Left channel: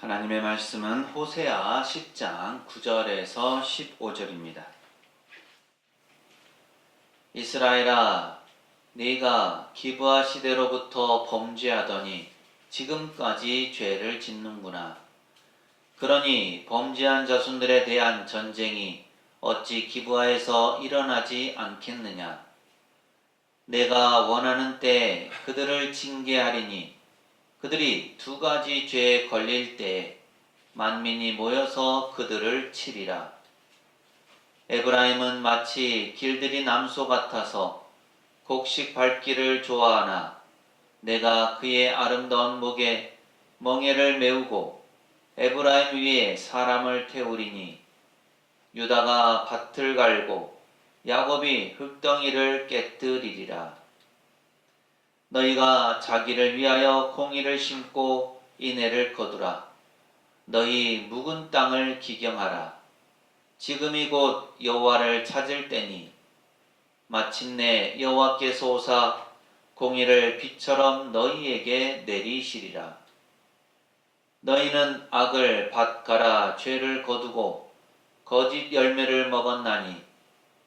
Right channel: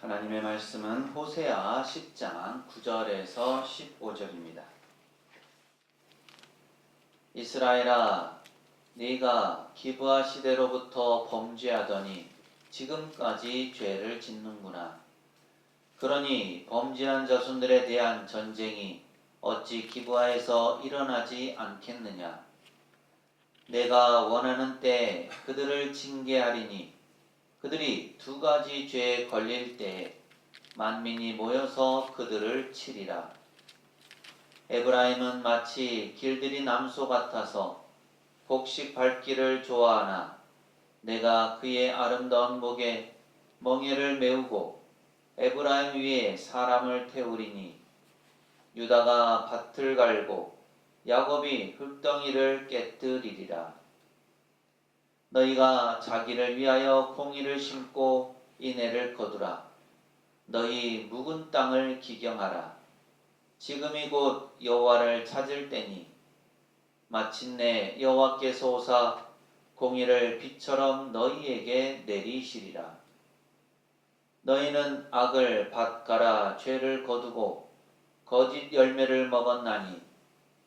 하나님의 말씀은 호세아 10장 9절에서 15절입니다. 이스라엘아, 네가 기브아 시대로부터 범죄하더니 지금까지 죄를 짓는구나. 그러니 범죄한 자손들에 대한 전쟁이 어찌 기브아에서 일어나지 않겠느냐. 내가 원하는 때에 그들을 징계하리니 그들이 두 가지 죄에 걸릴 때에 만민이 모여서 그들을 치리라. 에브라임은 마치 길들이 남소 같아서 곡식 밟기를 좋아하나 내가 그의 아름다운 목에 멍에를 메우고 에브라임 위에 사람을 태우리니 유다가 밭을 갈고 야곱이 흙덩이를 깨뜨리리라. 너희가 자기를 위하여 공의를 심고 인애를 거두라. 너희 묵은 땅을 기경하라. 지금이 곧 여호와를 찾을 때니 마침내 여호와께서 오사 공의를 비처럼 너희에게 내리시리라. 너희는 악을 밭가라 죄를 거두고 거짓 열매를 먹었나니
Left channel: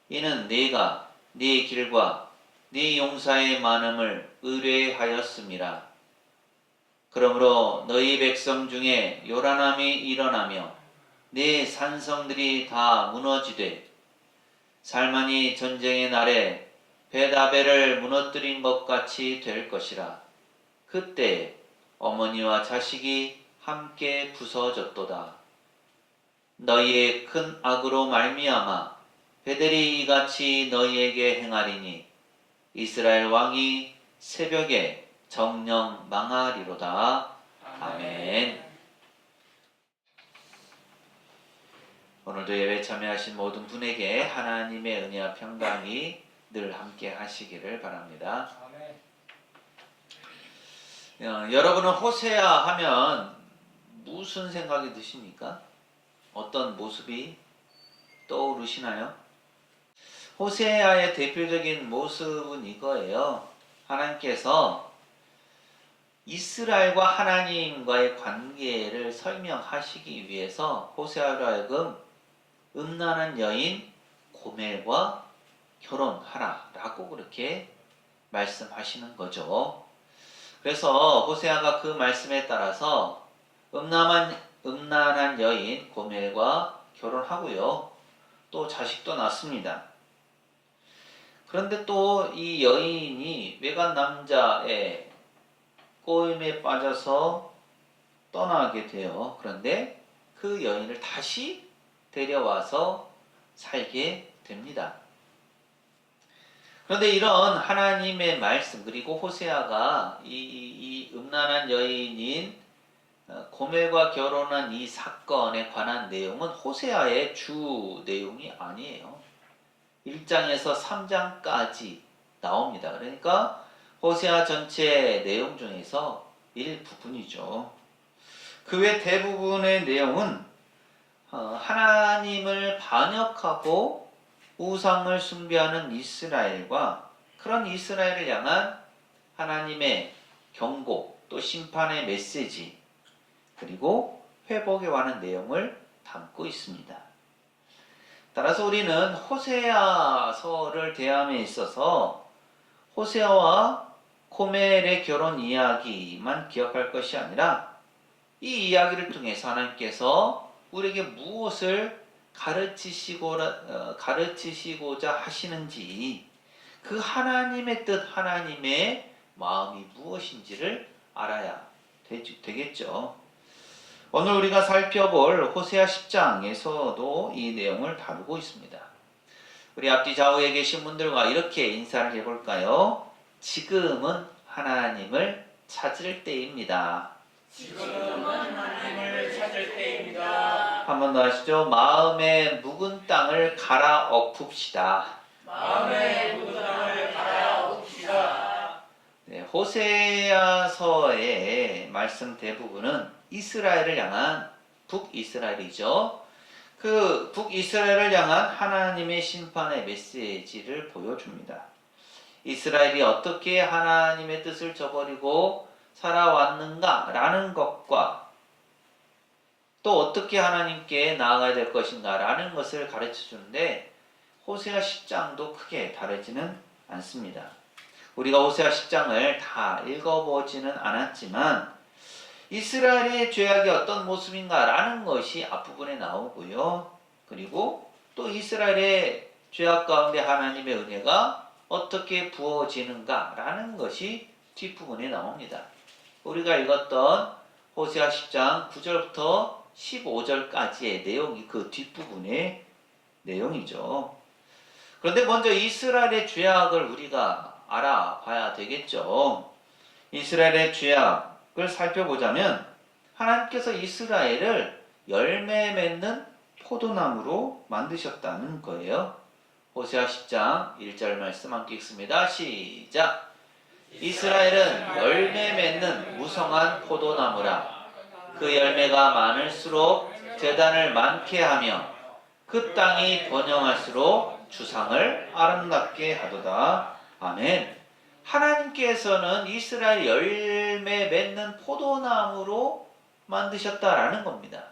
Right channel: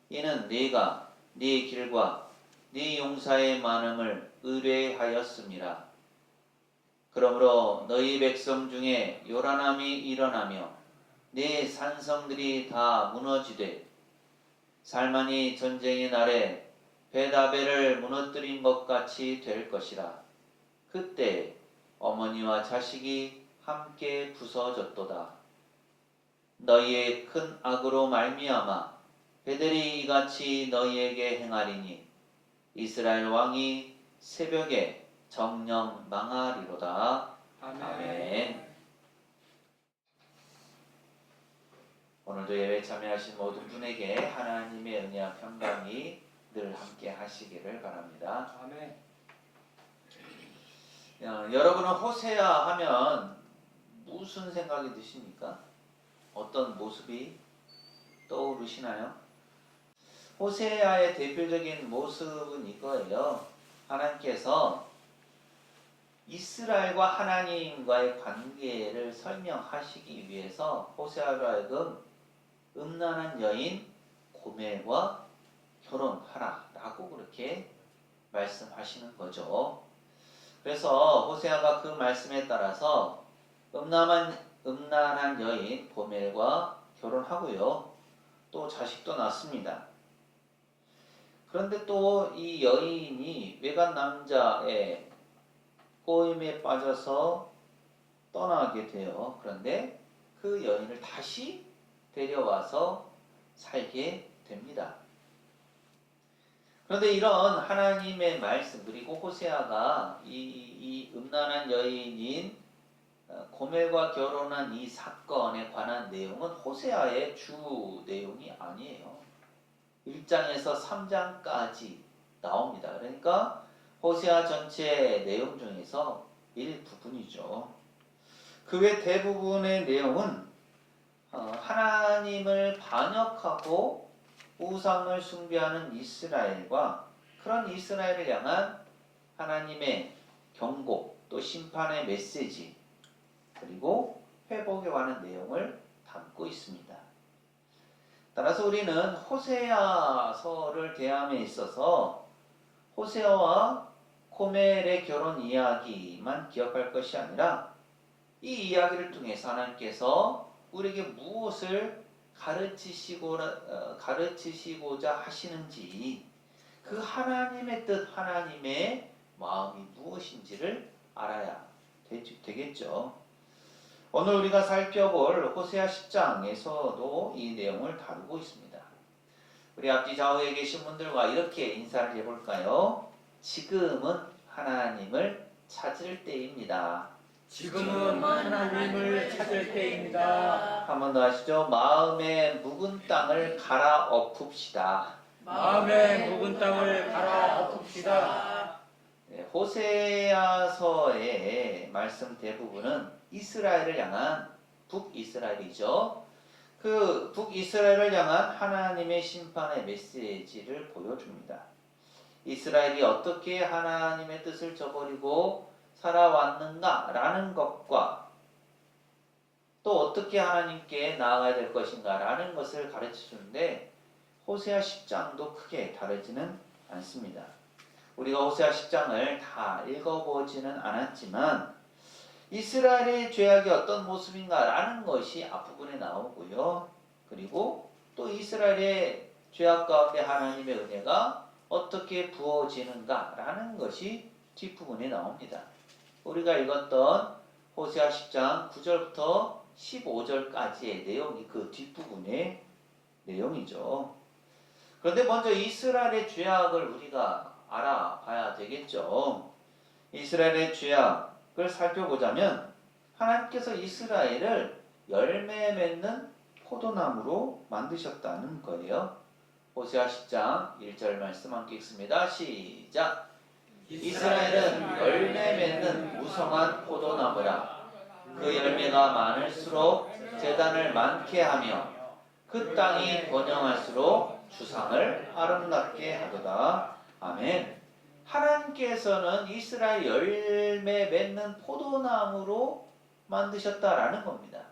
이는 네가 네 길과 네 용사의 많음을 의뢰하였음이라. 그러므로 너희 백성 중에 요란함이 일어나며 네 산성들이 다 무너지되 살만이 전쟁의 날에 벳아벨을 무너뜨린 것 같이 될 것이라. 그때 어머니와 자식이 함께 부서졌도다. 너희의 큰 악으로 말미암아 베델이 이같이 너희에게 행하리니 이스라엘 왕이 새벽에 정령 망하리로다. 아멘. 오늘도 예배 참여하신 모든 분에게 하나님의 은혜와 평강이 늘 함께 하시기를 바랍니다. 아멘. 여러분은 호세아 하면 무슨 생각이 드십니까? 어떤 모습이 떠오르시나요? 호세아의 대표적인 모습은 이거예요. 하나님께서 이스라엘과 하나님과의 관계를 설명하시기 위해서 호세아로 하여금 음란한 여인 고멜과 결혼하라 라고 그렇게 말씀하시는 거죠. 그래서 호세아가 그 말씀에 따라서 음란한 여인 고멜과 결혼하고요. 또 자식도 낳습니다. 그런데 또 이 여인이 외간 남자의 꼬임에 빠져서 떠나게 돼요. 그런데 그 여인을 다시 데려와서 살게 됩니다. 그런데 이런 하나님의 말씀 그리고 호세아가 이 음란한 여인인 고멜과 결혼한 이 사건에 관한 내용은 호세아의 주 내용이 아니에요. 1장에서 3장까지 나옵니다. 그러니까 호세아 전체 내용 중에서 일부분이죠. 그 외 대부분의 내용은 하나님을 반역하고 우상을 숭배하는 이스라엘과 그런 이스라엘을 향한 하나님의 경고 또 심판의 메시지 그리고 회복에 관한 내용을 담고 있습니다. 따라서 우리는 호세아서를 대함에 있어서 호세아와 고멜의 결혼 이야기만 기억할 것이 아니라 이 이야기를 통해서 하나님께서 우리에게 무엇을 가르치시고자 하시는지 그 하나님의 뜻, 하나님의 마음이 무엇인지를 알아야 되겠죠. 오늘 우리가 살펴볼 호세아 10장에서도 이 내용을 다루고 있습니다. 우리 앞뒤 좌우에 계신 분들과 이렇게 인사를 해볼까요? 지금은 하나님을 찾을 때입니다. 지금은 하나님을 찾을 때입니다. 한 번 더 하시죠. 마음의 묵은 땅을 갈아엎읍시다. 마음의 묵은 땅을 갈아엎읍시다. 네, 호세아서의 말씀 대부분은 이스라엘을 향한 북이스라엘이죠. 그 북이스라엘을 향한 하나님의 심판의 메시지를 보여줍니다. 이스라엘이 어떻게 하나님의 뜻을 저버리고 살아왔는가라는 것과 또 어떻게 하나님께 나아가야 될 것인가라는 것을 가르쳐 주는데 호세아 10장도 크게 다르지는 않습니다. 우리가 호세아 10장을 다 읽어보지는 않았지만 이스라엘의 죄악이 어떤 모습인가라는 것이 앞부분에 나오고요. 그리고 또 이스라엘의 죄악 가운데 하나님의 은혜가 어떻게 부어지는가라는 것이 뒷부분에 나옵니다. 우리가 읽었던 호세아 10장 9절부터 15절까지의 내용이 그 뒷부분의 내용이죠. 그런데 먼저 이스라엘의 죄악을 우리가 알아봐야 되겠죠. 이스라엘의 죄악을 살펴보자면 하나님께서 이스라엘을 열매 맺는 포도나무로 만드셨다는 거예요. 호세아 10장 1절 말씀 함께 읽습니다. 시작! 이스라엘은 열매 맺는 무성한 포도나무라. 그 열매가 많을수록 재단을 많게 하며 그 땅이 번영할수록 주상을 아름답게 하도다. 아멘. 하나님께서는 이스라엘 열매 맺는 포도나무로 만드셨다라는 겁니다.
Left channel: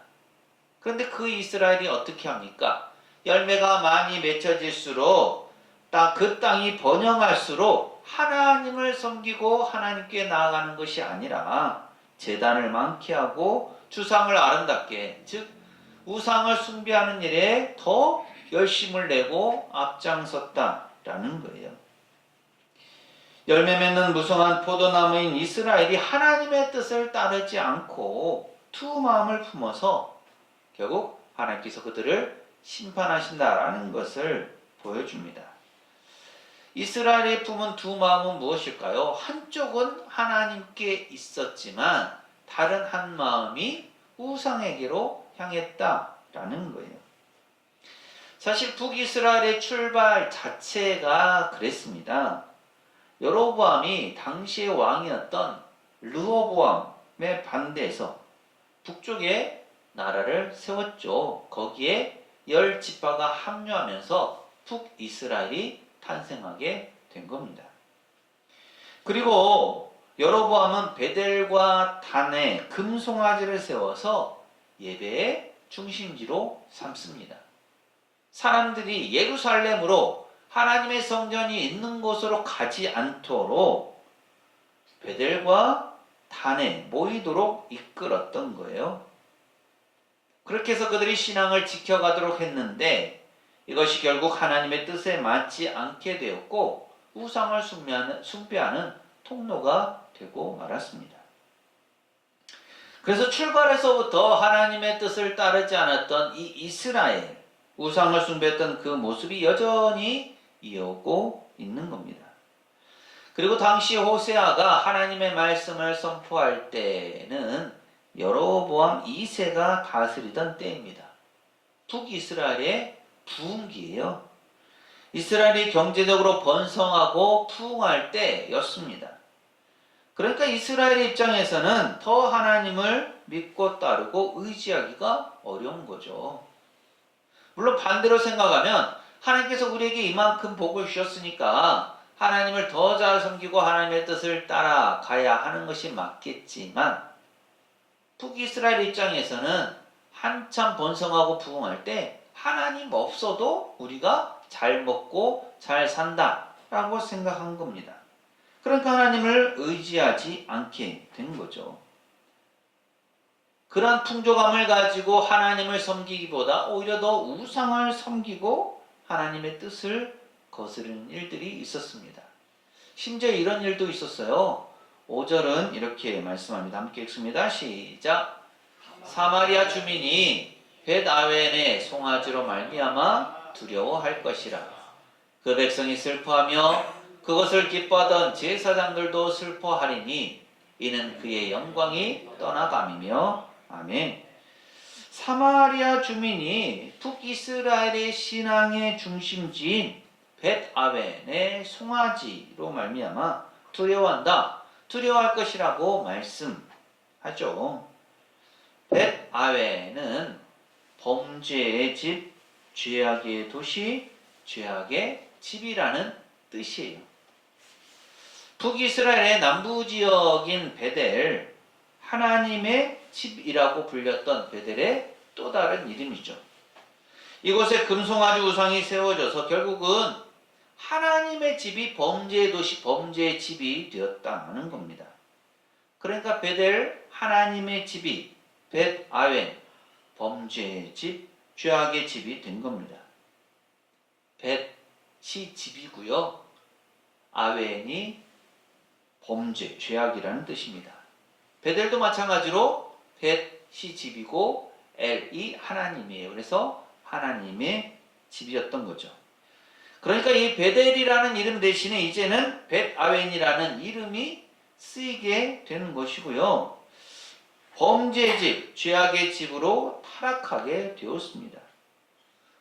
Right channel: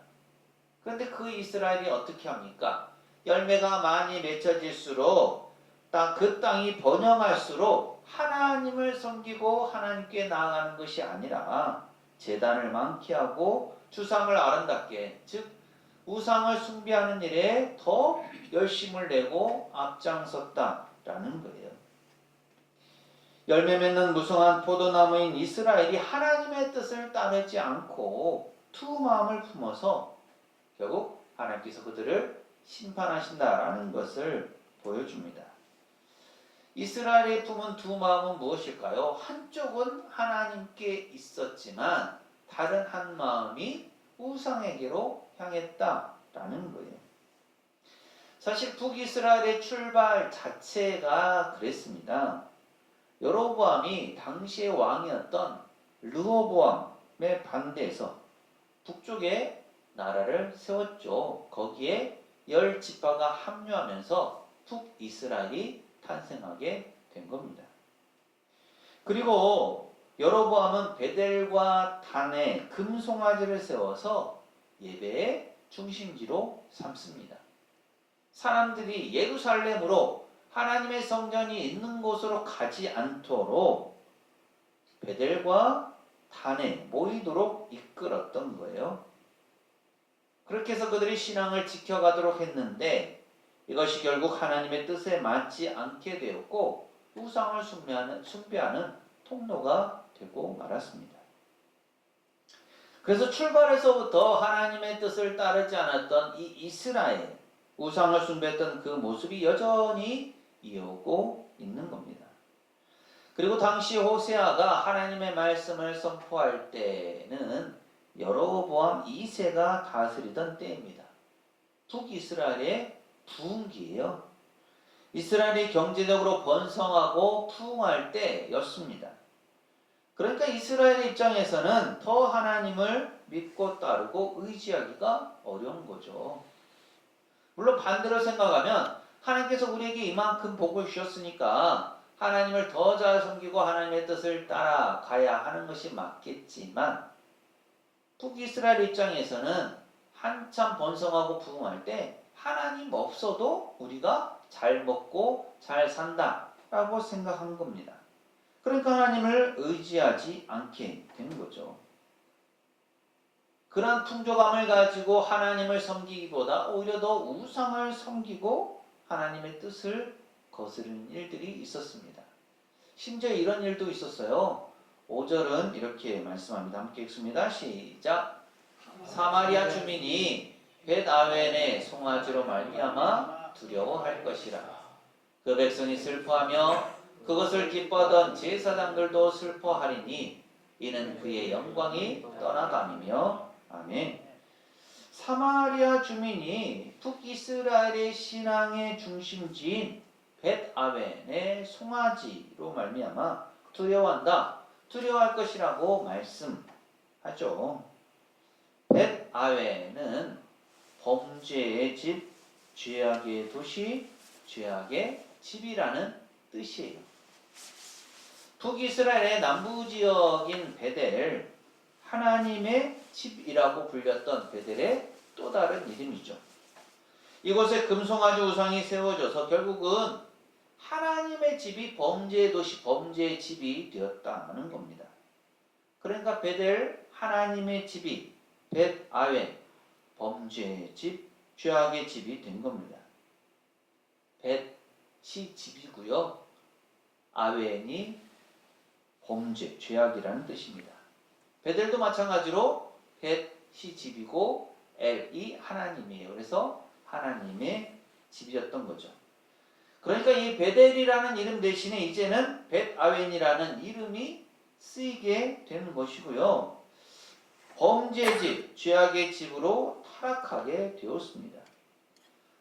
그런데 그 이스라엘이 어떻게 합니까? 열매가 많이 맺혀질수록 그 땅이 번영할수록 하나님을 섬기고 하나님께 나아가는 것이 아니라 제단을 많게 하고 주상을 아름답게, 즉 우상을 숭배하는 일에 더 열심을 내고 앞장섰다라는 거예요. 열매 맺는 무성한 포도나무인 이스라엘이 하나님의 뜻을 따르지 않고 두 마음을 품어서 결국 하나님께서 그들을 심판하신다라는 것을 보여줍니다. 이스라엘의 품은 두 마음은 무엇일까요? 한쪽은 하나님께 있었지만 다른 한 마음이 우상에게로 향했다라는 거예요. 사실 북이스라엘의 출발 자체가 그랬습니다. 여로보암이 당시의 왕이었던 르호보암에 반대해서 북쪽에 나라를 세웠죠. 거기에 10지파가 합류하면서 북이스라엘이 탄생하게 된 겁니다. 그리고 여로보암은 베델과 단에 금송아지를 세워서 예배의 중심지로 삼습니다. 사람들이 예루살렘으로 하나님의 성전이 있는 곳으로 가지 않도록 베델과 단에 모이도록 이끌었던 거예요. 그렇게 해서 그들이 신앙을 지켜가도록 했는데 이것이 결국 하나님의 뜻에 맞지 않게 되었고 우상을 숭배하는 통로가 되고 말았습니다. 그래서 출발에서부터 하나님의 뜻을 따르지 않았던 이 이스라엘, 우상을 숭배했던 그 모습이 여전히 이어오고 있는 겁니다. 그리고 당시 호세아가 하나님의 말씀을 선포할 때는 여로보암 2세가 다스리던 때입니다. 북이스라엘의 부흥기예요. 이스라엘이 경제적으로 번성하고 부흥할 때였습니다. 그러니까 이스라엘 입장에서는 더 하나님을 믿고 따르고 의지하기가 어려운 거죠. 물론 반대로 생각하면 하나님께서 우리에게 이만큼 복을 주셨으니까 하나님을 더 잘 섬기고 하나님의 뜻을 따라가야 하는 것이 맞겠지만 북이스라엘 입장에서는 한참 번성하고 부흥할 때 하나님 없어도 우리가 잘 먹고 잘 산다라고 생각한 겁니다. 그러니까 하나님을 의지하지 않게 된 거죠. 그런 풍조감을 가지고 하나님을 섬기기보다 오히려 더 우상을 섬기고 하나님의 뜻을 거스르는 일들이 있었습니다. 심지어 이런 일도 있었어요. 5절은 이렇게 말씀합니다. 함께 읽습니다. 시작. 사마리아 주민이 벳아웬의 송아지로 말미암아 두려워할 것이라. 그 백성이 슬퍼하며 그것을 기뻐하던 제사장들도 슬퍼하리니 이는 그의 영광이 떠나감이며. 아멘. 사마리아 주민이 북이스라엘의 신앙의 중심지인 벳아웬의 송아지로 말미암아 두려워한다. 두려워할 것이라고 말씀하죠. 벳아웬은 범죄의 집, 죄악의 도시, 죄악의 집이라는 뜻이에요. 북이스라엘의 남부 지역인 베델, 하나님의 집이라고 불렸던 베델의 또 다른 이름이죠. 이곳에 금송아지 우상이 세워져서 결국은 하나님의 집이 범죄의 도시, 범죄의 집이 되었다는 겁니다. 그러니까 베델, 하나님의 집이 벳 아웬, 범죄의 집, 죄악의 집이 된 겁니다. 벳이 집이고요. 아웬이 범죄, 죄악이라는 뜻입니다. 베델도 마찬가지로 벳이 집이고 엘이 하나님이에요. 그래서 하나님의 집이었던 거죠. 그러니까 이 베델이라는 이름 대신에 이제는 벳 아웬이라는 이름이 쓰이게 되는 것이고요. 범죄의 집, 죄악의 집으로 타락하게 되었습니다.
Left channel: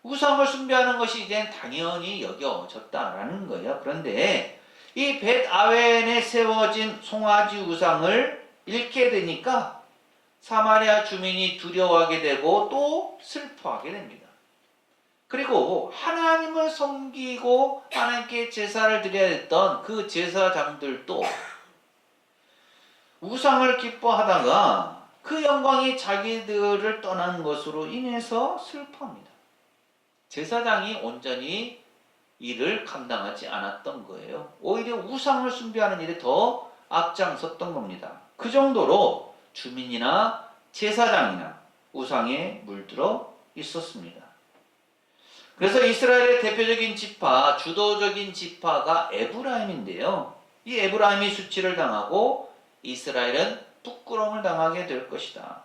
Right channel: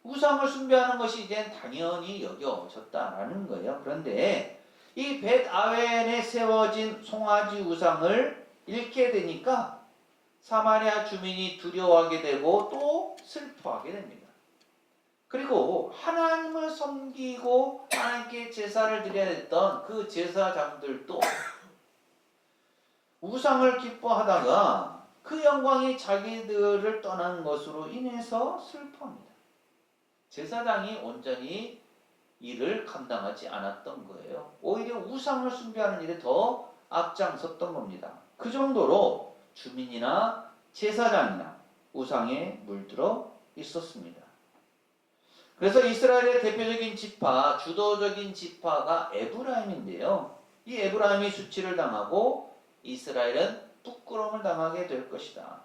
우상을 숭배하는 것이 이젠 당연히 여겨졌다라는 거예요. 그런데 이 벳 아웬에 세워진 송아지 우상을 잃게 되니까 사마리아 주민이 두려워하게 되고 또 슬퍼하게 됩니다. 그리고 하나님을 섬기고 하나님께 제사를 드려야 했던 그 제사장들도 우상을 기뻐하다가 그 영광이 자기들을 떠난 것으로 인해서 슬퍼합니다. 제사장이 온전히 일을 감당하지 않았던 거예요. 오히려 우상을 숭배하는 일에 더 앞장섰던 겁니다. 그 정도로 주민이나 제사장이나 우상에 물들어 있었습니다. 그래서 이스라엘의 대표적인 지파, 주도적인 지파가 에브라임인데요. 이 에브라임이 수치를 당하고 이스라엘은 부끄러움을 당하게 될 것이다.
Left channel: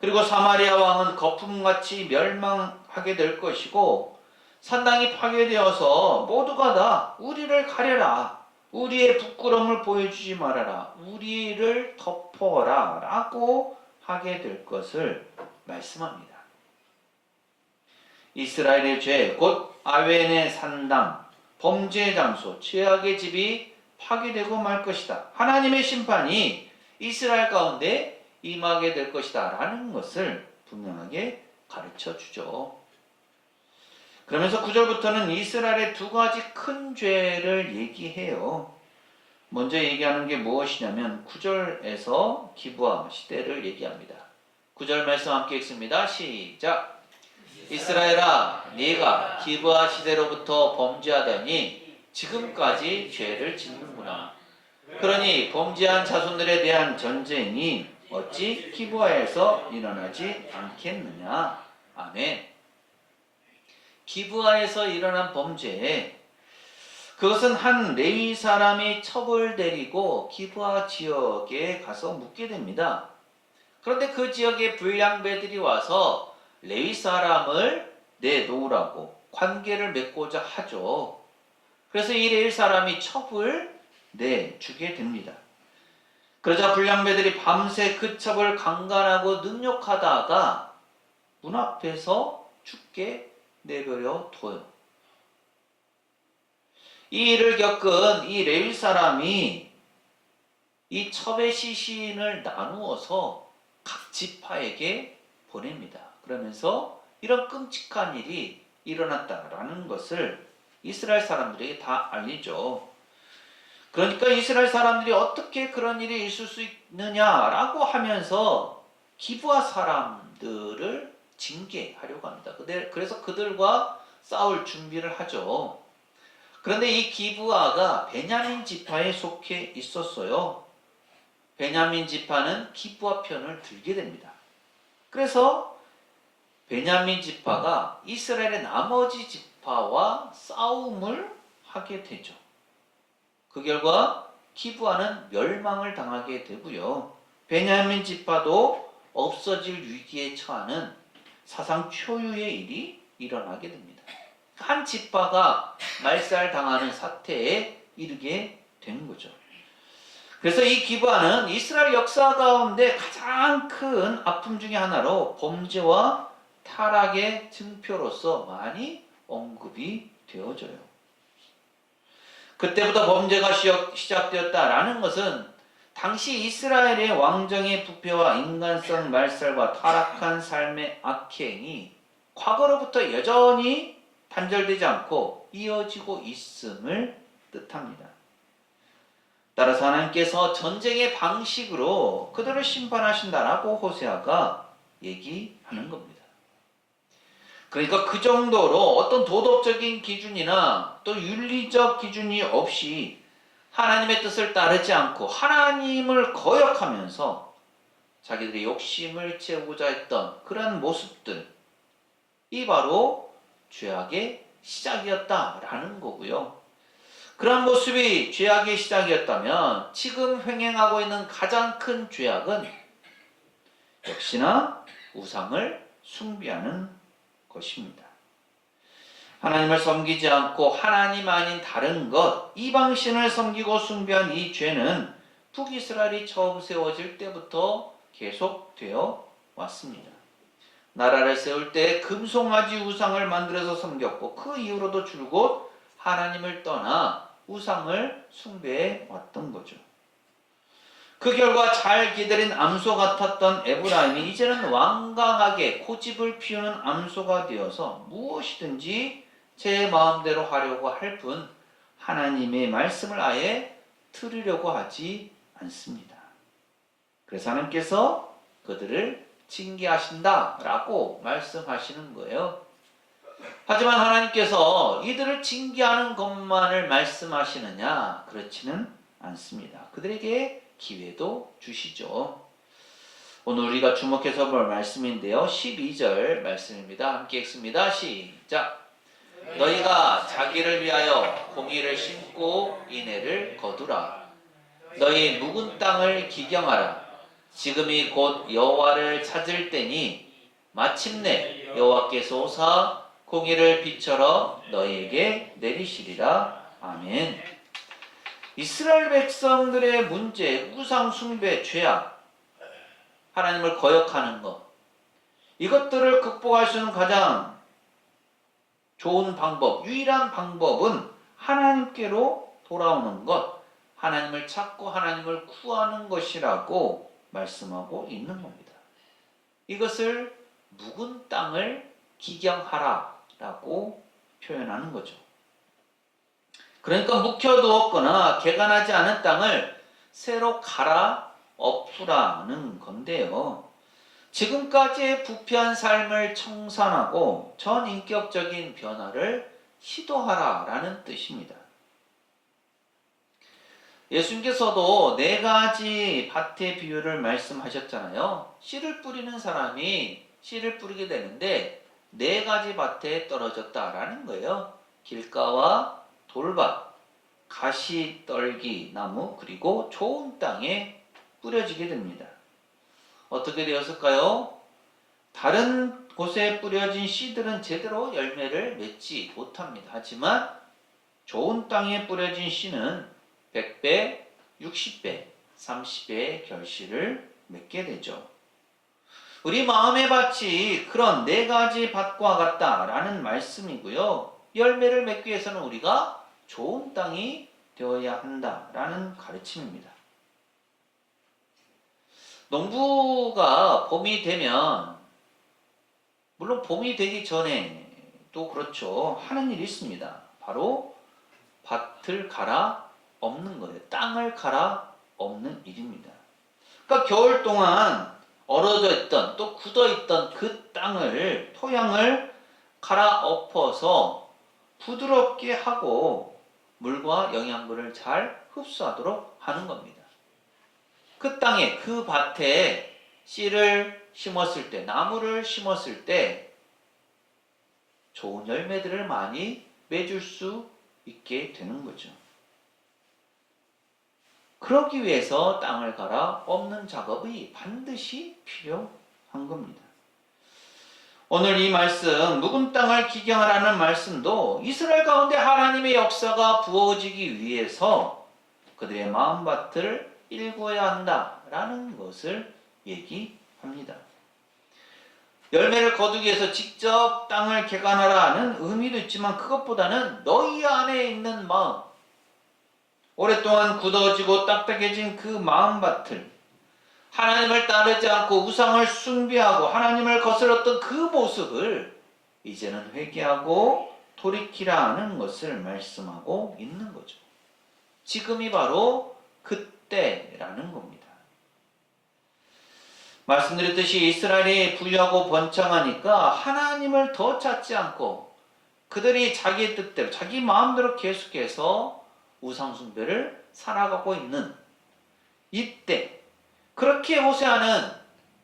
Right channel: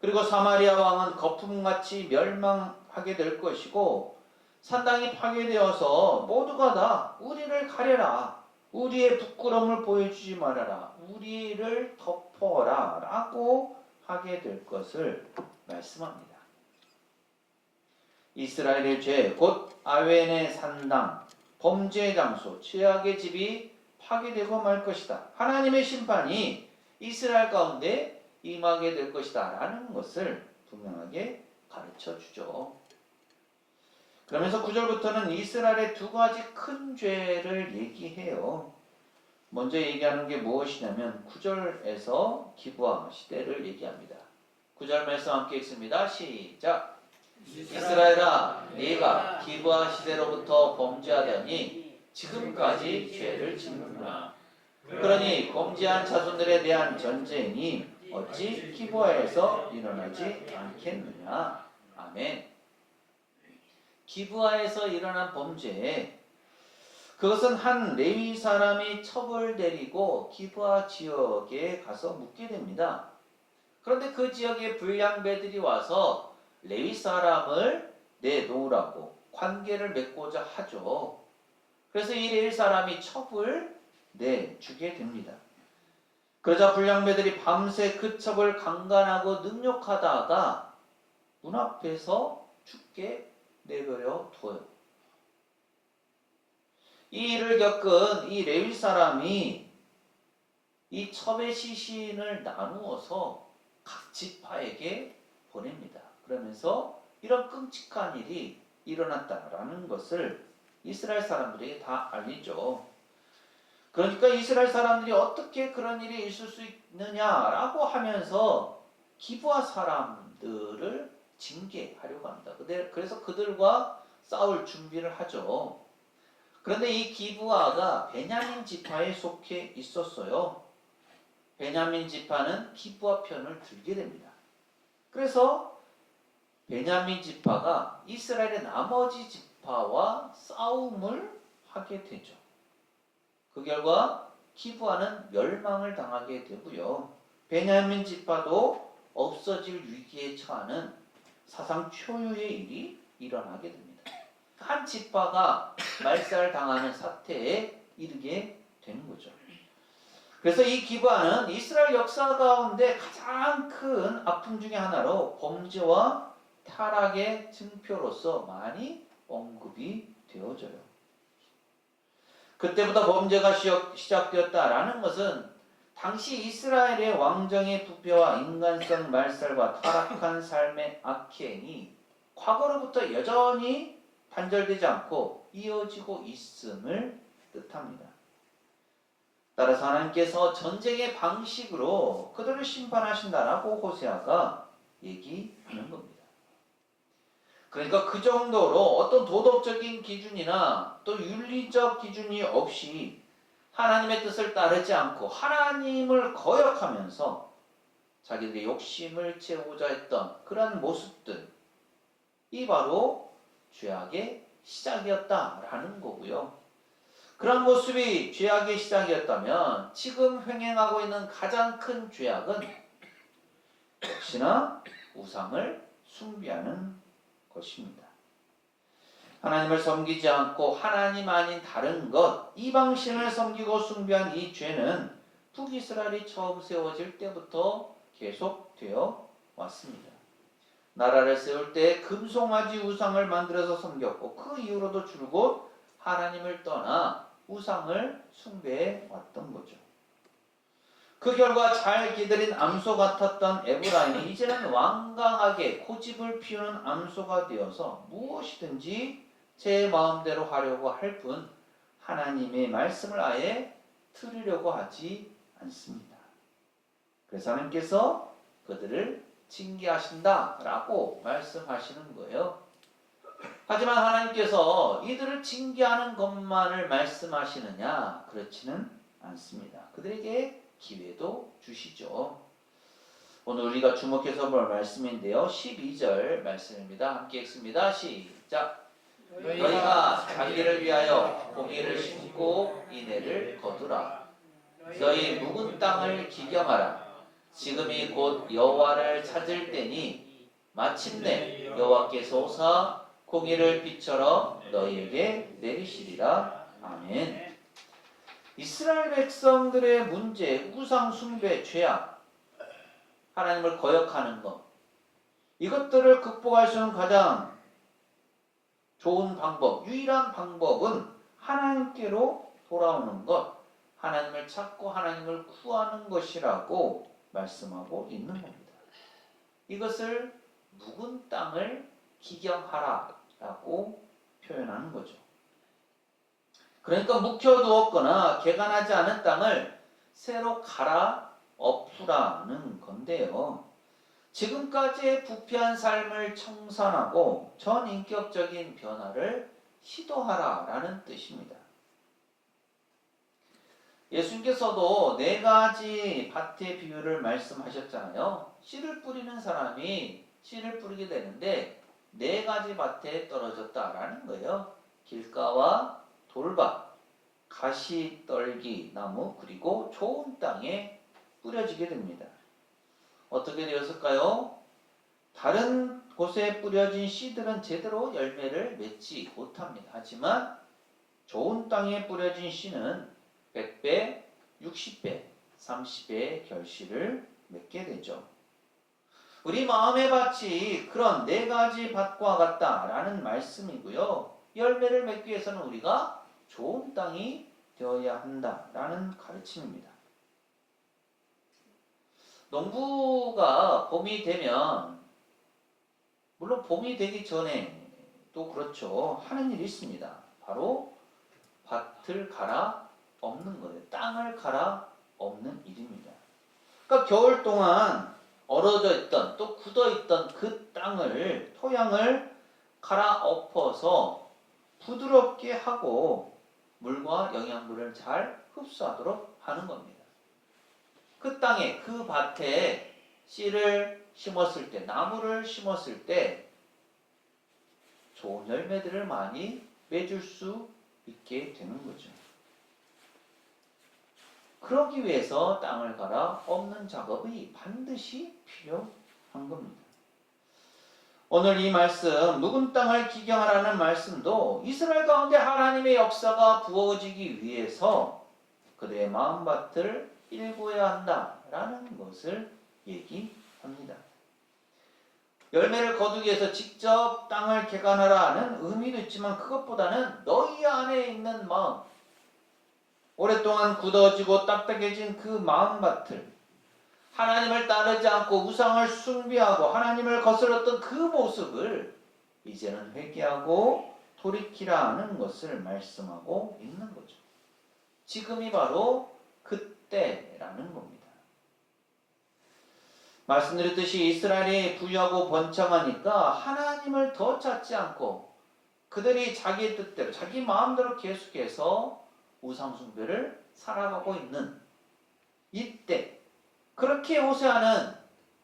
그리고 사마리아 왕은 거품같이 멸망하게 될 것이고 산당이 파괴되어서 모두가 다 우리를 가려라. 우리의 부끄러움을 보여주지 말아라. 우리를 덮어라. 라고 하게 될 것을 말씀합니다. 이스라엘의 죄, 곧 아웬의 산당, 범죄의 장소, 죄악의 집이 파괴되고 말 것이다. 하나님의 심판이 이스라엘 가운데 임하게 될 것이다. 라는 것을 분명하게 가르쳐 주죠. 그러면서 9절부터는 이스라엘의 두 가지 큰 죄를 얘기해요. 먼저 얘기하는 게 무엇이냐면 9절에서 기브아 시대를 얘기합니다. 9절 말씀 함께 읽습니다. 시작. 이스라엘아, 네가 기브아 시대로부터 범죄하더니 지금까지 죄를 짓는구나. 그러니 범죄한 자손들에 대한 전쟁이 어찌 기브아에서 일어나지 않겠느냐. 아멘. 기브아에서 일어난 범죄, 그것은 한 레위 사람이 첩을 데리고 기브아 지역에 가서 묵게 됩니다. 그런데 그 지역에 불량배들이 와서 레위 사람을 내놓으라고 관계를 맺고자 하죠. 그래서 이 레위 사람이 첩을 내주게 됩니다. 그러자 불량배들이 밤새 그 첩을 강간하고 능욕하다가 문 앞에서 죽게 내버려 둬요. 이 일을 겪은 이 레위 사람이 이 첩의 시신을 나누어서 각 지파에게 보냅니다. 그러면서 이런 끔찍한 일이 일어났다라는 것을 이스라엘 사람들에게 다 알리죠. 그러니까 이스라엘 사람들이 어떻게 그런 일이 있을 수 있느냐라고 하면서 기브아 사람들을 징계하려고 합니다. 그래서 그들과 싸울 준비를 하죠. 그런데 이 기브아가 베냐민 지파에 속해 있었어요. 베냐민 지파는 기브아 편을 들게 됩니다. 그래서 베냐민 지파가 이스라엘의 나머지 지파와 싸움을 하게 되죠. 그 결과 기브아는 멸망을 당하게 되고요. 베냐민 지파도 없어질 위기에 처하는 사상 초유의 일이 일어나게 됩니다. 한 지파가 말살당하는 사태에 이르게 된 거죠. 그래서 이 기브아는 이스라엘 역사 가운데 가장 큰 아픔 중에 하나로 범죄와 타락의 증표로서 많이 언급이 되어져요. 그때부터 범죄가 시작되었다라는 것은 당시 이스라엘의 왕정의 부패와 인간성 말살과 타락한 삶의 악행이 과거로부터 여전히 단절되지 않고 이어지고 있음을 뜻합니다. 따라서 하나님께서 전쟁의 방식으로 그들을 심판하신다라고 호세아가 얘기하는 겁니다. 그러니까 그 정도로 어떤 도덕적인 기준이나 또 윤리적 기준이 없이 하나님의 뜻을 따르지 않고 하나님을 거역하면서 자기들의 욕심을 채우고자 했던 그런 모습들, 이 바로 죄악의 시작이었다라는 거고요. 그런 모습이 죄악의 시작이었다면 지금 횡행하고 있는 가장 큰 죄악은 역시나 우상을 숭배하는 것입니다. 하나님을 섬기지 않고 하나님 아닌 다른 것, 이방신을 섬기고 숭배한 이 죄는 북이스라엘이 처음 세워질 때부터 계속되어 왔습니다. 나라를 세울 때 금송아지 우상을 만들어서 섬겼고 그 이후로도 줄곧 하나님을 떠나 우상을 숭배해 왔던 거죠. 그 결과 잘 기다린 암소 같았던 에브라임이 이제는 완강하게 고집을 피우는 암소가 되어서 무엇이든지 제 마음대로 하려고 할 뿐 하나님의 말씀을 아예 들으려고 하지 않습니다. 그래서 하나님께서 그들을 징계하신다라고 말씀하시는 거예요. 하지만 하나님께서 이들을 징계하는 것만을 말씀하시느냐? 그렇지는 않습니다. 그들에게 기회도 주시죠. 오늘 우리가 주목해서 볼 말씀인데요. 12절 말씀입니다. 함께 읽습니다. 시작. 너희가 자기를 위하여 공의를 심고 인애를 거두라. 너희 묵은 땅을 기경하라. 지금이 곧 여호와를 찾을 때니 마침내 여호와께서 오사 공의를 비춰러 너희에게 내리시리라. 아멘. 이스라엘 백성들의 문제, 우상 숭배, 죄악, 하나님을 거역하는 것, 이것들을 극복할 수 있는 가장 좋은 방법, 유일한 방법은 하나님께로 돌아오는 것, 하나님을 찾고 하나님을 구하는 것이라고 말씀하고 있는 겁니다. 이것을 묵은 땅을 기경하라 라고 표현하는 거죠. 그러니까 묵혀두었거나 개간하지 않은 땅을 새로 갈아 엎으라는 건데요. 지금까지의 부패한 삶을 청산하고 전인격적인 변화를 시도하라라는 뜻입니다. 예수님께서도 4가지 밭의 비유를 말씀하셨잖아요. 씨를 뿌리는 사람이 씨를 뿌리게 되는데 4가지 밭에 떨어졌다라는 거예요. 길가와 돌밭, 가시떨기 나무, 그리고 좋은 땅에 뿌려지게 됩니다. 어떻게 되었을까요? 다른 곳에 뿌려진 씨들은 제대로 열매를 맺지 못합니다. 하지만 좋은 땅에 뿌려진 씨는 100배, 60배, 30배의 결실을 맺게 되죠. 우리 마음의 밭이 그런 4가지 밭과 같다라는 말씀이고요. 열매를 맺기 위해서는 우리가 좋은 땅이 되어야 한다라는 가르침입니다. 농부가 봄이 되면, 물론 봄이 되기 전에도 그렇죠, 하는 일이 있습니다. 바로 밭을 갈아 엎는 거예요. 땅을 갈아 엎는 일입니다. 그러니까 겨울 동안 얼어져 있던 또 굳어 있던 그 땅을, 토양을 갈아 엎어서 부드럽게 하고 물과 영양분을 잘 흡수하도록 하는 겁니다. 그 땅에, 그 밭에 씨를 심었을 때, 나무를 심었을 때 좋은 열매들을 많이 맺을 수 있게 되는 거죠. 그러기 위해서 땅을 갈아 엎는 작업이 반드시 필요한 겁니다. 오늘 이 말씀, 묵은 땅을 기경하라는 말씀도 이스라엘 가운데 하나님의 역사가 부어지기 위해서 그들의 마음밭을 일구어야 한다라는 것을 얘기합니다. 열매를 거두기 위해서 직접 땅을 개간하라는 의미도 있지만 그것보다는 너희 안에 있는 마음, 오랫동안 굳어지고 딱딱해진 그 마음밭을, 하나님을 따르지 않고 우상을 숭배하고 하나님을 거스렀던 그 모습을 이제는 회개하고 돌이키라는 것을 말씀하고 있는 거죠. 지금이 바로 그때라는 겁니다. 말씀드렸듯이 이스라엘이 부유하고 번창하니까 하나님을 더 찾지 않고 그들이 자기 뜻대로 자기 마음대로 계속해서 우상숭배를 살아가고 있는 이때 그렇게 호세아는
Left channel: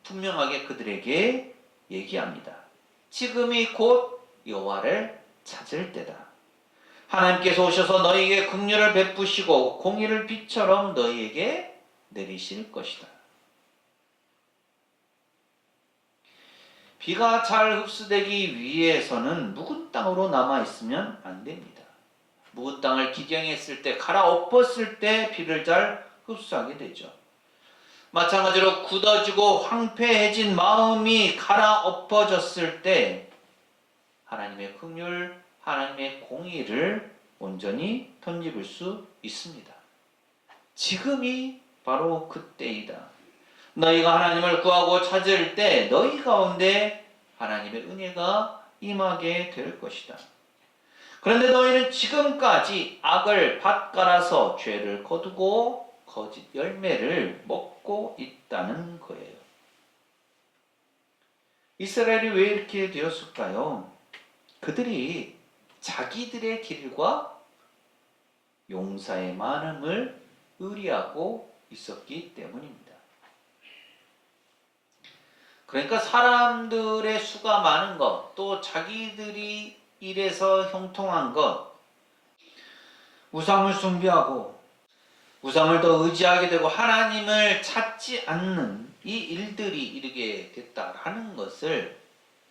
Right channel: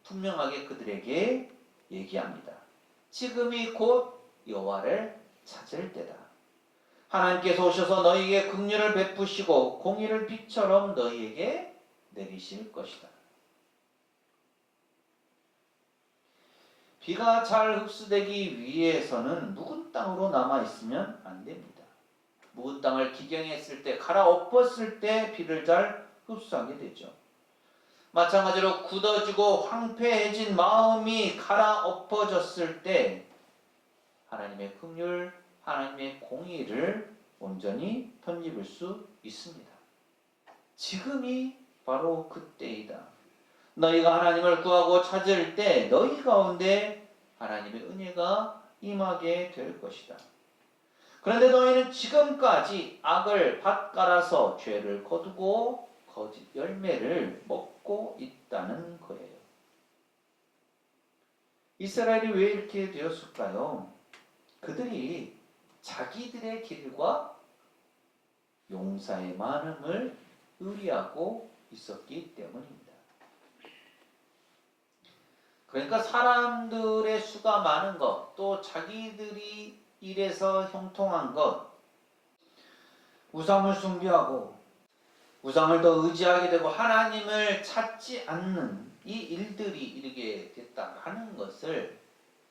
분명하게 그들에게 얘기합니다. 지금이 곧 여호와를 찾을 때다. 하나님께서 오셔서 너희에게 긍휼을 베푸시고 공의를 빛처럼 너희에게 내리실 것이다. 비가 잘 흡수되기 위해서는 묵은 땅으로 남아있으면 안 됩니다. 묵은 땅을 기경했을 때, 갈아엎었을 때 비를 잘 흡수하게 되죠. 마찬가지로 굳어지고 황폐해진 마음이 갈아엎어졌을 때 하나님의 긍휼, 하나님의 공의를 온전히 덧입을 수 있습니다. 지금이 바로 그때이다. 너희가 하나님을 구하고 찾을 때 너희 가운데 하나님의 은혜가 임하게 될 것이다. 그런데 너희는 지금까지 악을 밭갈아서 죄를 거두고 거짓 열매를 먹고 있다는 거예요. 이스라엘이 왜 이렇게 되었을까요? 그들이 자기들의 길과 용사의 많음을 의리하고 있었기 때문입니다. 그러니까 사람들의 수가 많은 것, 또 자기들이 일에서 형통한 것, 우상을 숭배하고 우상을 더 의지하게 되고 하나님을 찾지 않는 이 일들이 이르게 됐다라는 것을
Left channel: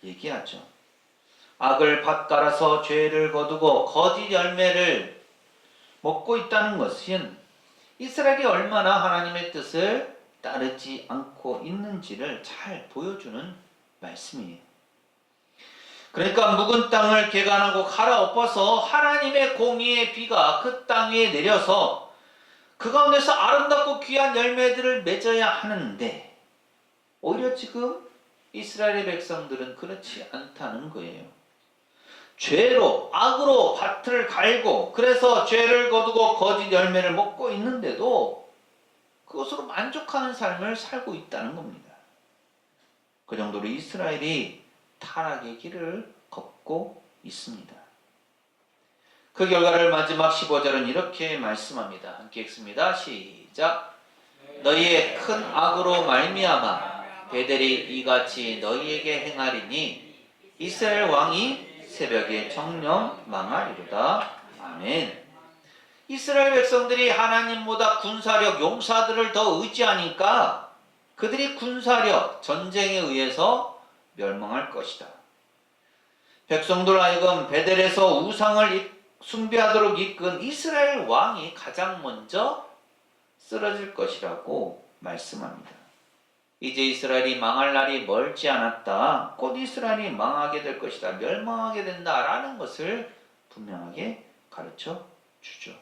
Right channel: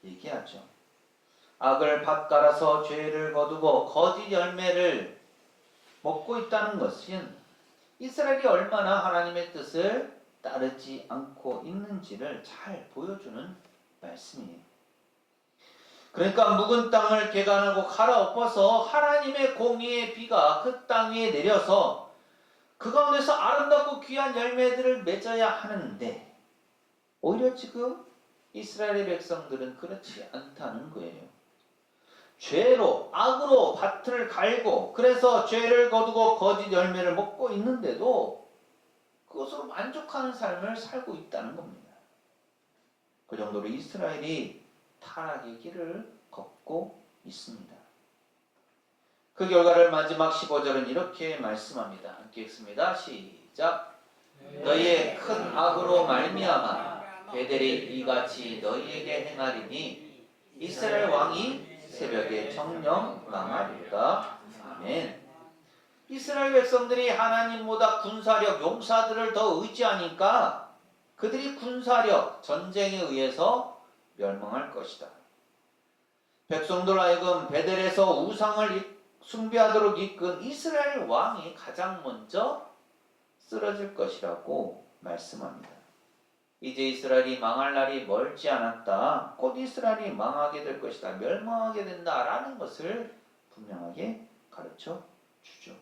얘기하죠. 악을 밭갈아서 죄를 거두고 거짓 열매를 먹고 있다는 것은 이스라엘이 얼마나 하나님의 뜻을 따르지 않고 있는지를 잘 보여주는 말씀이에요. 그러니까 묵은 땅을 개간하고 갈아엎어서 하나님의 공의의 비가 그 땅 위에 내려서 그 가운데서 아름답고 귀한 열매들을 맺어야 하는데 오히려 지금 이스라엘의 백성들은 그렇지 않다는 거예요. 죄로, 악으로 밭을 갈고 그래서 죄를 거두고 거짓 열매를 먹고 있는데도 그것으로 만족하는 삶을 살고 있다는 겁니다. 그 정도로 이스라엘이 타락의 길을 걷고 있습니다. 그 결과를 마지막 15절은 이렇게 말씀합니다. 함께 읽습니다. 시작. 너희의 큰 악으로 말미암아 베델이 이같이 너희에게 행하리니 이스라엘 왕이 새벽에 정령 망하리로다. 아멘. 이스라엘 백성들이 하나님보다 군사력, 용사들을 더 의지하니까 그들이 군사력, 전쟁에 의해서 멸망할 것이다. 백성들 하여금 베델에서 우상을 숭배하도록 이끈 이스라엘 왕이 가장 먼저 쓰러질 것이라고 말씀합니다. 이제 이스라엘이 망할 날이 멀지 않았다. 곧 이스라엘이 망하게 될 것이다. 멸망하게 된다라는 것을 분명하게 가르쳐 주죠.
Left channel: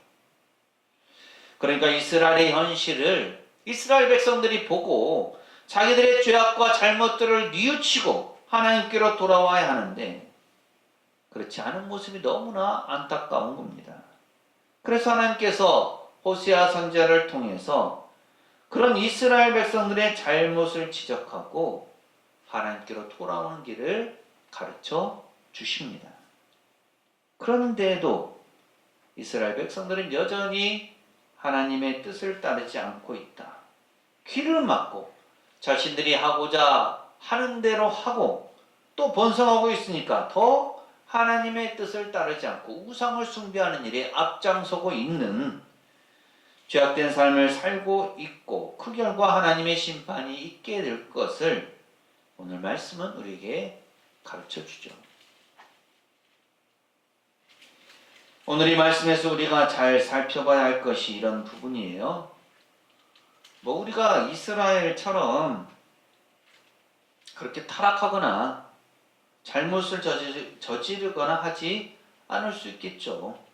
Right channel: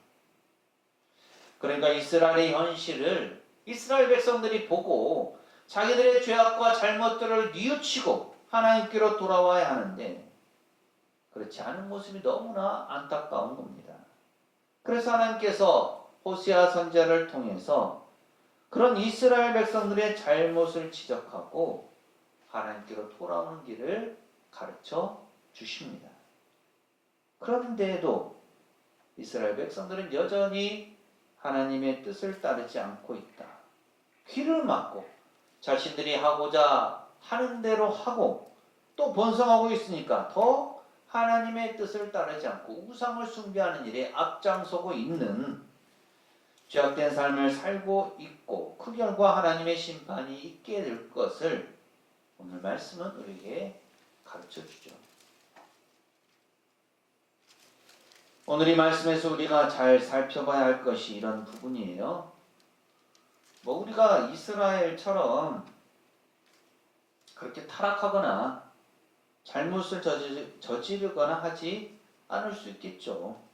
그러니까 이스라엘의 현실을 이스라엘 백성들이 보고 자기들의 죄악과 잘못들을 뉘우치고 하나님께로 돌아와야 하는데 그렇지 않은 모습이 너무나 안타까운 겁니다. 그래서 하나님께서 호세아 선지자를 통해서 그런 이스라엘 백성들의 잘못을 지적하고 하나님께로 돌아오는 길을 가르쳐 주십니다. 그런데도 이스라엘 백성들은 여전히 하나님의 뜻을 따르지 않고 있다. 귀를 막고 자신들이 하고자 하는 대로 하고 또 번성하고 있으니까 더 하나님의 뜻을 따르지 않고 우상을 숭배하는 일에 앞장서고 있는 죄악된 삶을 살고 있고 그 결과 하나님의 심판이 있게 될 것을 오늘 말씀은 우리에게 가르쳐 주죠. 오늘 이 말씀에서 우리가 잘 살펴봐야 할 것이 이런 부분이에요. 우리가 이스라엘처럼 그렇게 타락하거나 잘못을 저지르거나 하지 않을 수 있겠죠.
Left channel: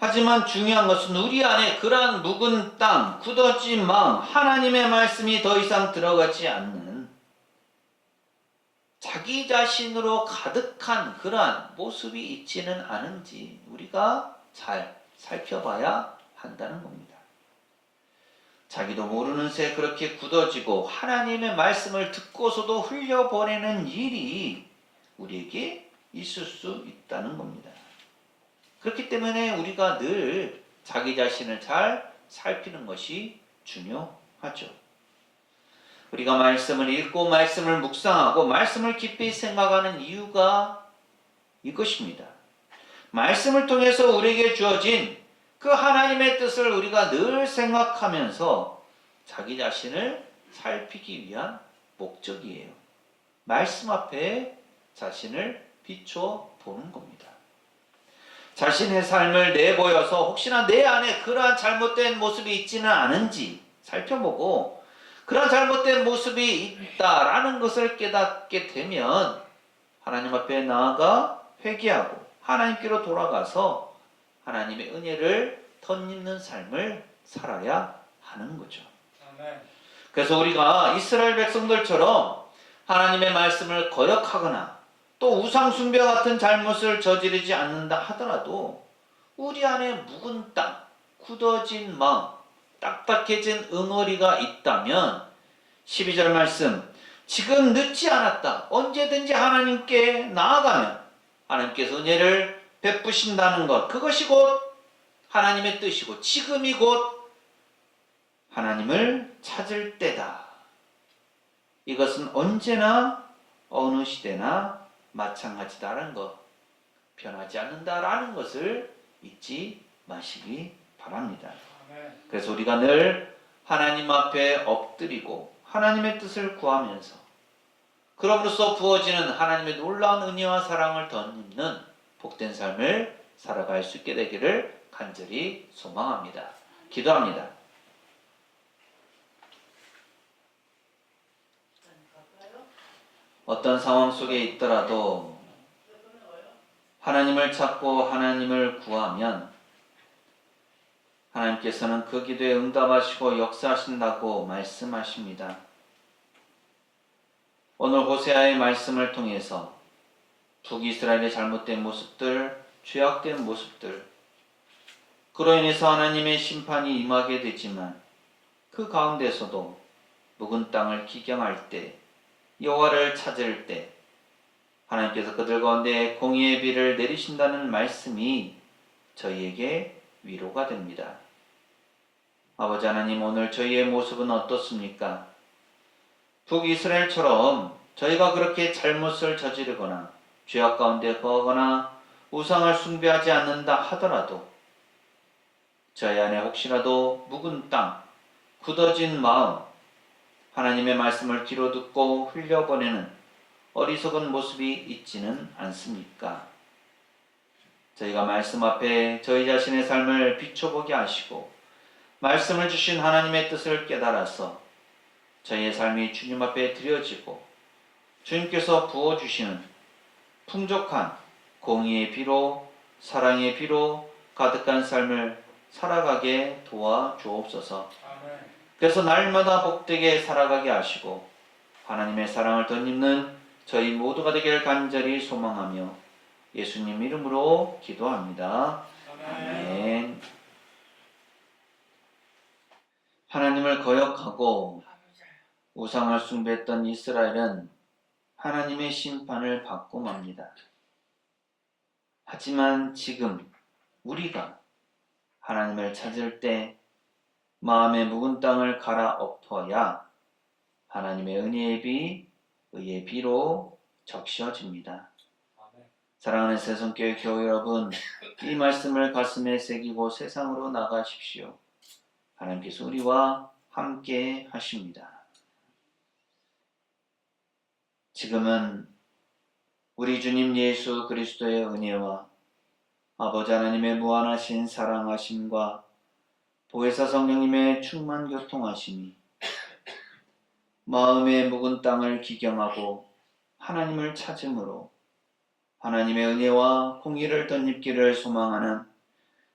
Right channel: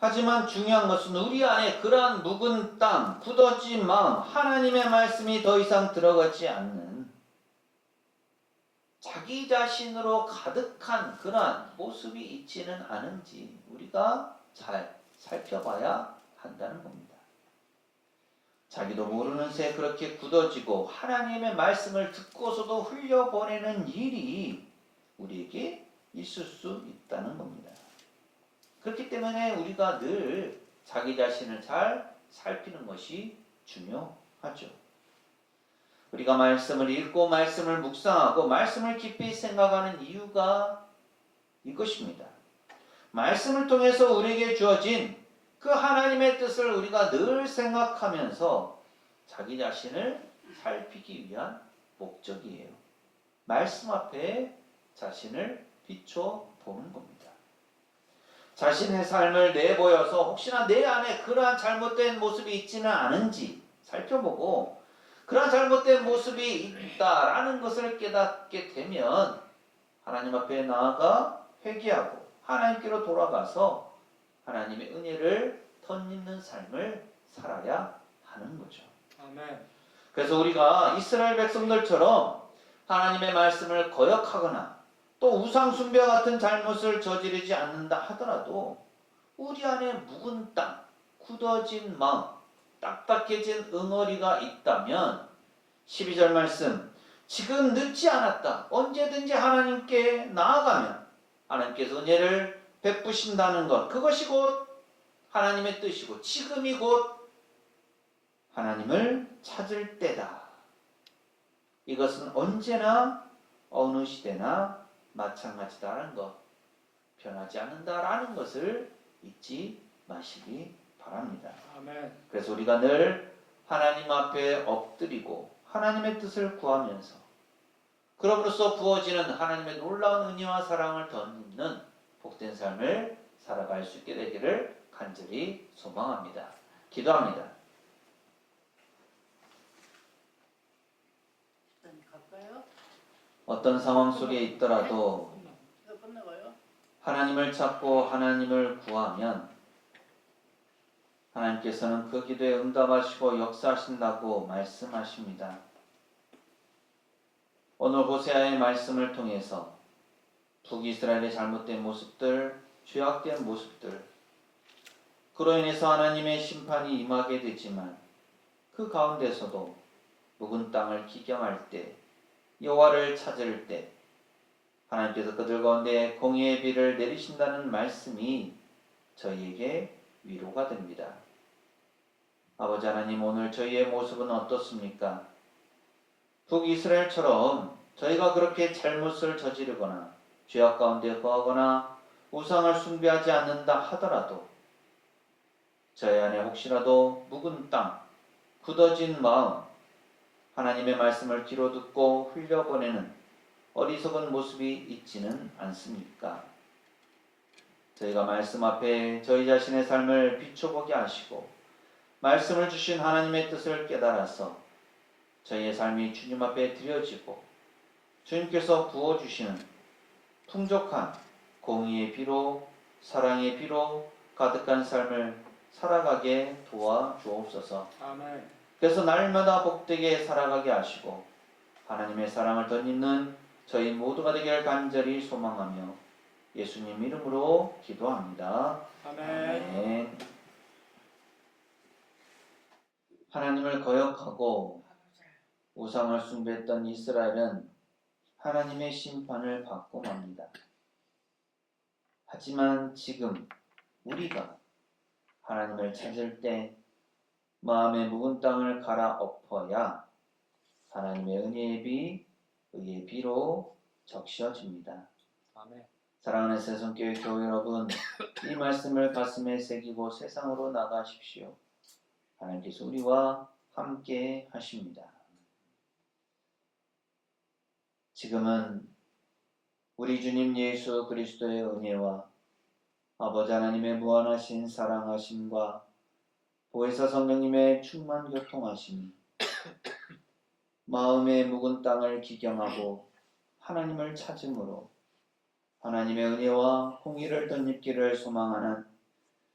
하지만 중요한 것은 우리 안에 그러한 묵은 땅, 굳어진 마음, 하나님의 말씀이 더 이상 들어가지 않는 자기 자신으로 가득한 그러한 모습이 있지는 않은지 우리가 잘 살펴봐야 한다는 겁니다. 자기도 모르는 새 그렇게 굳어지고 하나님의 말씀을 듣고서도 흘려보내는 일이 우리에게 있을 수 있다는 겁니다. 그렇기 때문에 우리가 늘 자기 자신을 잘 살피는 것이 중요하죠. 우리가 말씀을 읽고 말씀을 묵상하고 말씀을 깊이 생각하는 이유가 이것입니다. 말씀을 통해서 우리에게 주어진 그 하나님의 뜻을 우리가 늘 생각하면서 자기 자신을 살피기 위한 목적이에요. 말씀 앞에 자신을 비춰 보는 겁니다. 자신의 삶을 내보여서 혹시나 내 안에 그러한 잘못된 모습이 있지는 않은지 살펴보고 그러한 잘못된 모습이 있다라는 것을 깨닫게 되면 하나님 앞에 나아가 회개하고 하나님께로 돌아가서 하나님의 은혜를 덧입는 삶을 살아야 하는 거죠. 아멘. 그래서 우리가 이스라엘 백성들처럼 하나님의 말씀을 거역하거나 또 우상숭배 같은 잘못을 저지르지 않는다 하더라도 우리 안에 묵은 땅, 굳어진 마음, 딱딱해진 응어리가 있다면 12절 말씀, 지금 늦지 않았다. 언제든지 하나님께 나아가면 하나님께서 은혜를 베푸신다는 것, 그것이 곧 하나님의 뜻이고 지금이 곧 하나님을 찾을 때다. 이것은 언제나 어느 시대나 마찬가지다라는 것, 변하지 않는다라는 것을 잊지 마시기 바랍니다. 아멘. 그래서 우리가 늘 하나님 앞에 엎드리고 하나님의 뜻을 구하면서 그럼으로써 부어지는 하나님의 놀라운 은혜와 사랑을 덧입는 복된 삶을 살아갈 수 있게 되기를 간절히 소망합니다. 기도합니다. 어떤 상황 속에 있더라도 하나님을 찾고 하나님을 구하면 하나님께서는 그 기도에 응답하시고 역사하신다고 말씀하십니다. 오늘 호세아의 말씀을 통해서 북이스라엘의 잘못된 모습들, 죄악된 모습들, 그로 인해서 하나님의 심판이 임하게 되지만 그 가운데서도 묵은 땅을 기경할 때, 여호와를 찾을 때 하나님께서 그들 가운데 공의의 비를 내리신다는 말씀이 저희에게 위로가 됩니다. 아버지 하나님, 오늘 저희의 모습은 어떻습니까? 북이스라엘처럼 저희가 그렇게 잘못을 저지르거나 죄악 가운데 거하거나 우상을 숭배하지 않는다 하더라도 저희 안에 혹시라도 묵은 땅, 굳어진 마음, 하나님의 말씀을 뒤로 듣고 흘려보내는 어리석은 모습이 있지는 않습니까? 저희가 말씀 앞에 저희 자신의 삶을 비춰보게 하시고 말씀을 주신 하나님의 뜻을 깨달아서 저희의 삶이 주님 앞에 드려지고 주님께서 부어주시는 풍족한 공의의 비로 사랑의 비로 가득한 삶을 살아가게 도와주옵소서. 아멘. 그래서 날마다 복되게 살아가게 하시고 하나님의 사랑을 덧입는 저희 모두가 되길 간절히 소망하며 예수님 이름으로 기도합니다. 아멘. 하나님을 거역하고 우상을 숭배했던 이스라엘은 하나님의 심판을 받고 맙니다. 하지만 지금 우리가 하나님을 찾을 때 마음의 묵은 땅을 갈아엎어야 하나님의 은혜의 비, 의의 비로 적셔집니다. 아멘. 사랑하는 새송교회 교회 여러분, 이 말씀을 가슴에 새기고 세상으로 나가십시오. 하나님께서 우리와 함께 하십니다. 지금은 우리 주님 예수 그리스도의 은혜와 아버지 하나님의 무한하신 사랑하심과 보혜사 성령님의 충만 교통하심이 마음의 묵은 땅을 기경하고 하나님을 찾음으로 하나님의 은혜와 공의를 덧입기를 소망하는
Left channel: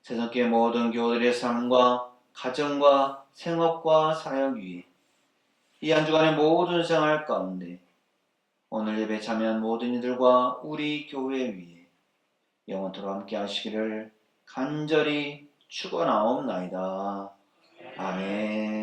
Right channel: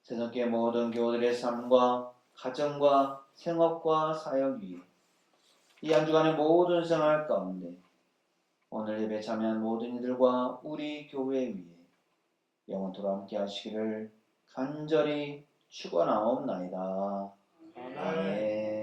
세상의 모든 교우들의 삶과 가정과 생업과 사역 위에 이 한 주간의 모든 생활 가운데 오늘 예배 참여한 모든 이들과 우리 교회 위에 영원토록 함께 하시기를 간절히 축원하옵나이다. 아멘.